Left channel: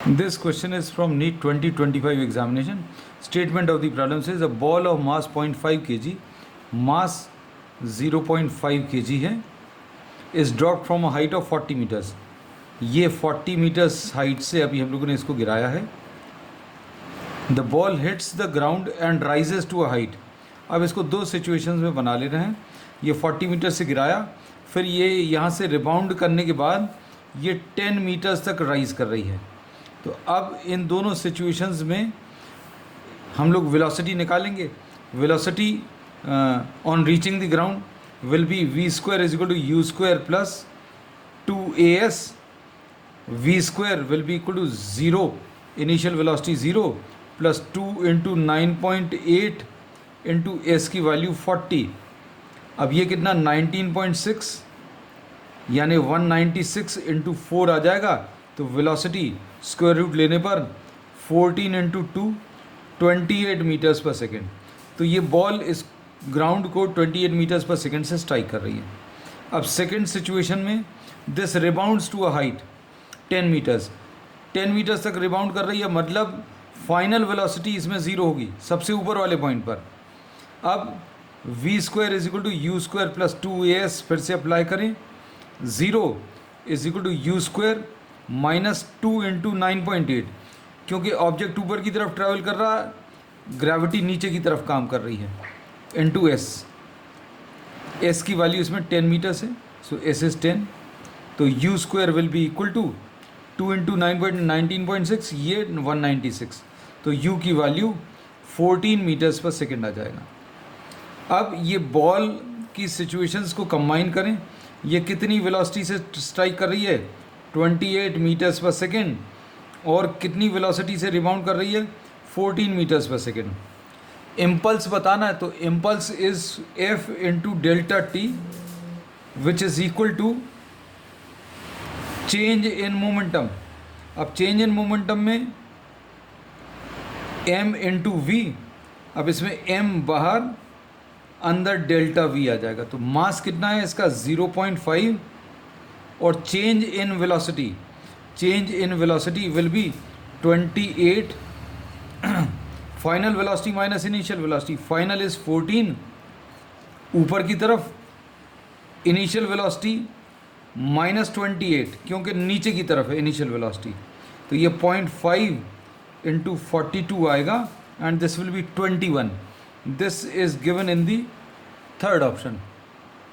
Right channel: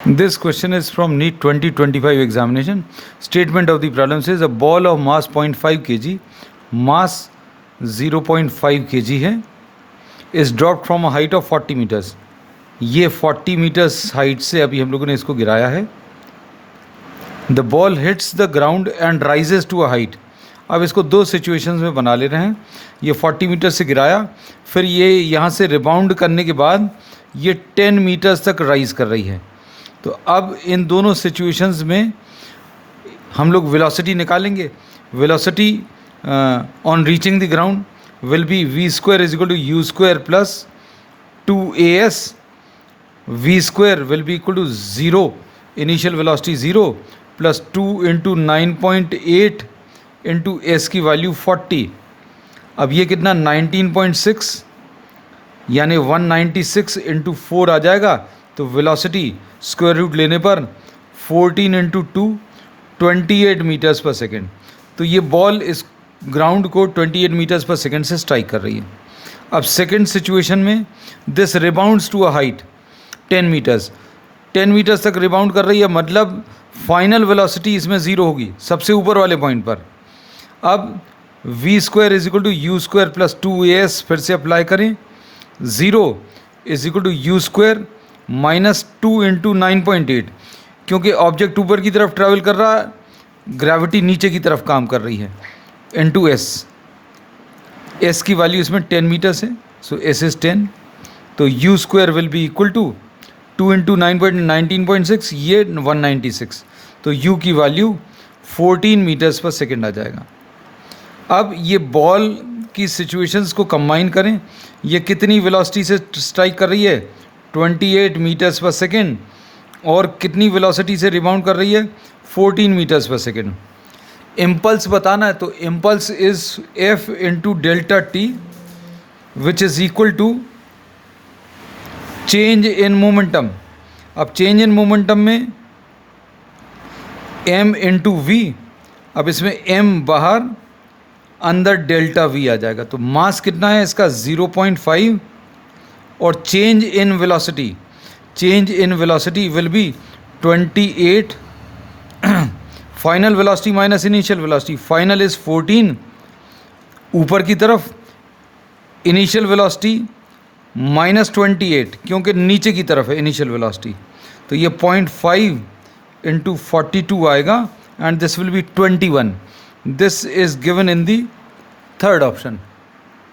This question is from NEET 2025 examination. Statement of the problem says a ball of mass 0.5 kg, mass 0.5 kg है, is dropped from a height of 40 meters. ये 40 meters height से अभी हम लोगों ने इसको गिराया है. The ball hits the ground and rises to a height. अब इसको दो सिचुएशंस में बना ले रहे हैं. ये 40 मीटर से गिराया, फिर ये यहाँ से रिबाउंड करने के बाद ये 10 मीटर्स तक राइज कर रही है. तो अब इन दोनों सिचुएशंस में हम लोग वेलोसिटी निकालेंगे. Velocity on reaching the ground will be v square is equal to u square plus 2as. v square will be equal to 0, initial velocity 0 plus 2 into 9.8 into S की वैल्यू 40. अब ये कितना 19.6 यानी 196 into 4 आ जाएगा. तो velocity square root लेने पर 14 into 2 28 metres per second. तो ये बॉल इस ग्राउंड को 28 मीटर्स पर सेकेंड से स्ट्राइक कर रही है. अब सेकेंड सिचुएशन में this rebounds to a height 10 metres. 10 metres तक रिबाउंड कर रही है, मतलब फाइनल वेलोसिटी इसमें ज़ीरो होगी सबसे ऊपर वाले पॉइंट पर. अब v square is equal to U square plus 2as फिर से अप्लाई करें. 0 is equal to U square minus 2 into 9.8. क्योंकि ऑब्जेक्ट ऊपर की तरफ ट्रैवल कर रहा है, ग्रेविटी नीचे की तरफ काम कर रही है, इंटू एस. एस की वैल्यू इसमें 10 मीटर्स है, सो एस इज 10. तो U square will be equal to 2 into 19.6, ये 196. तो यू की वैल्यू 14 मीटर्स पर सेकेंड आ जाएगा. अब ये बॉल की सिचुएशंस को कंबाइन करें. ये कितनी वेलोसिटी से स्ट्राइक कर रही है 28 मीटर्स पर सेकेंड, और कितनी वेलोसिटी से रिबाउंड कर रही है 14 मीटर्स पर सेकेंड. इम्पल्स बताना है तो impulse is f into delta T which is equal to change in momentum. अब चेंज इन मोमेंटम में m इंटू वी. अब इसमें m बाहर, अंदर डेल्टा v आ जाएगा. तो मास कितना है इसका 0.5, और change in velocity will be 28. Final velocity minus initial velocity. Final is 14 ऊपर की तरफ, इनिशियल वेलोसिटी माइनस 28 क्योंकि नीचे की तरफ है इनिशियल वेलोसिटी. तो ये 0.5 इंटू 42 आएगा, and this will be 21. This is given in the third option.